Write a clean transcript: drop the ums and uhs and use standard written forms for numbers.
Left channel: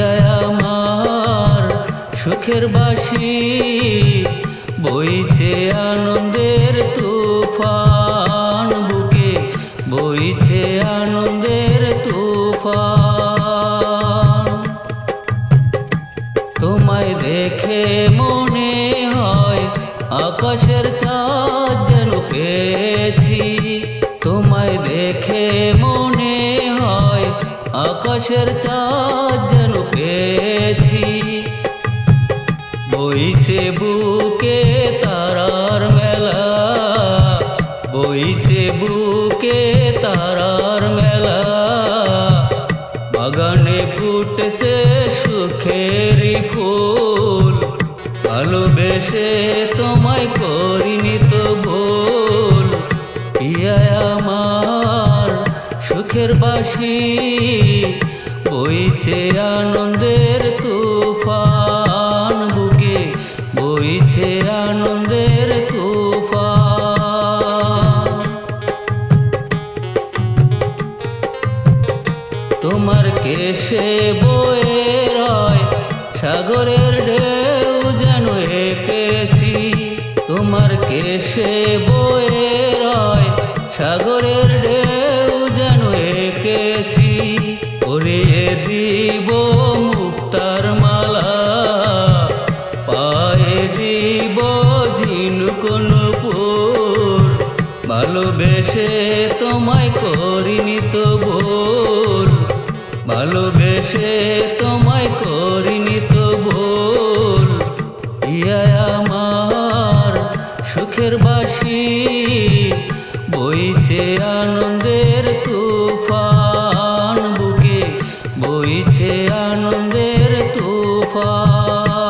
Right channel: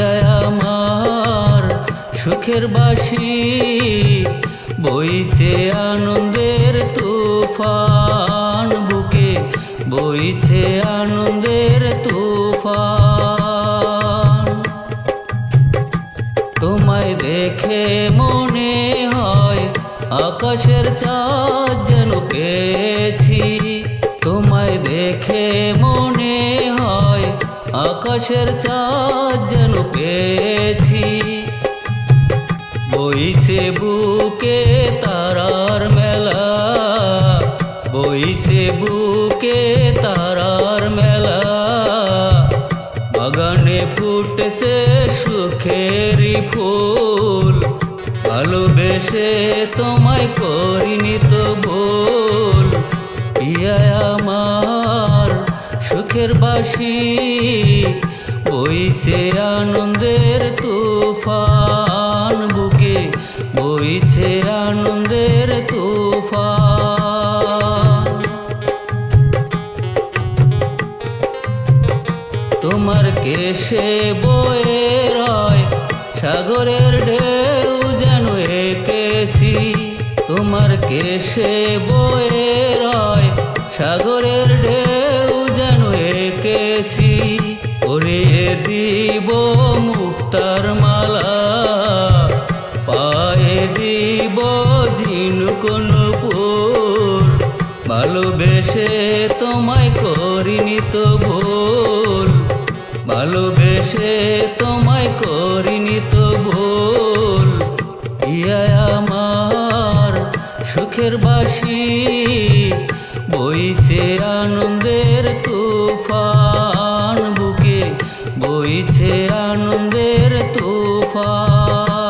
পিয়ায় আমার সুখের বাঁশি, বইছে আনন্দের তুফান বুকে, বইছে আনন্দের তুফান। তোমায় দেখে মনে হয় আকাশের চাঁদ যেন পেয়েছি, তোমায় দেখে মনে হয় আকাশের চাঁদ যেন পেয়েছি। বইছে বুকে তারার মেলা, বইছে বুকে তারার মেলা, বাগানে ফুটেছে সুখেরই ফুল, ভালোবেসে তোমায় করিনি তো ভুল। পিয়ায় আমার সুখের বাঁশি, বইছে আনন্দের তুফান বুকে, বইছে আনন্দের তুফান। তোমার কেশে বয়ে রয় সাগরের ঢেউ যেন এঁকেছি, তোমার কেশে বয়ে রয় সাগরের ঢেউ যেন এঁকেছি। পরিয়ে দিব মুক্তার মালা, পায়ে দিব ঝিনুক নূপুর, ভালোবেসে তোমায় করিনি তো ভুল, ভালোবেসে তোমায় করিনি তো ভুল। পিয়ায় আমার সুখের বাঁশি, বইছে আনন্দের তুফান বুকে, বইছে আনন্দের তুফান।